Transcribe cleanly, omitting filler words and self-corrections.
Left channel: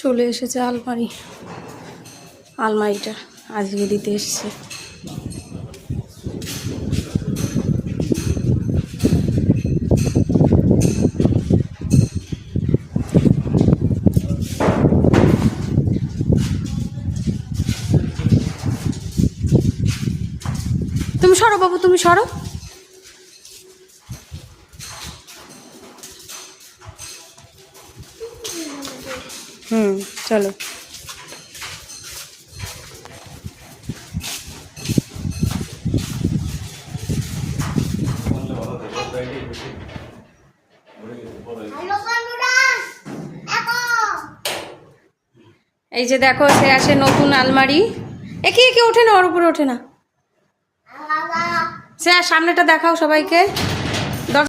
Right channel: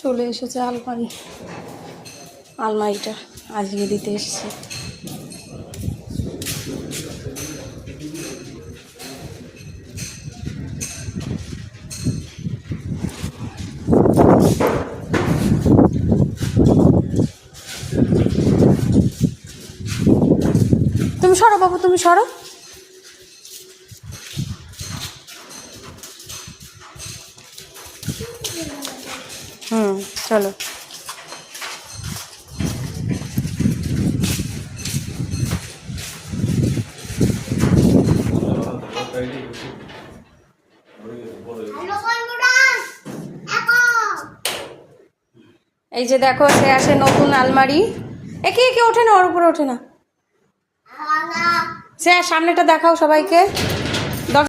চলে এসেছে আলমারিটা আজকে দিতে এসছে। তুমি সরো বাবু, তুমি সরো। চলো। এই যে দেখো, সে আছে নতুন আলমারি। একে একে ওঠে না, ওর উপরে ওঠে না। সে সামনেটা দেখাও সবাইকে।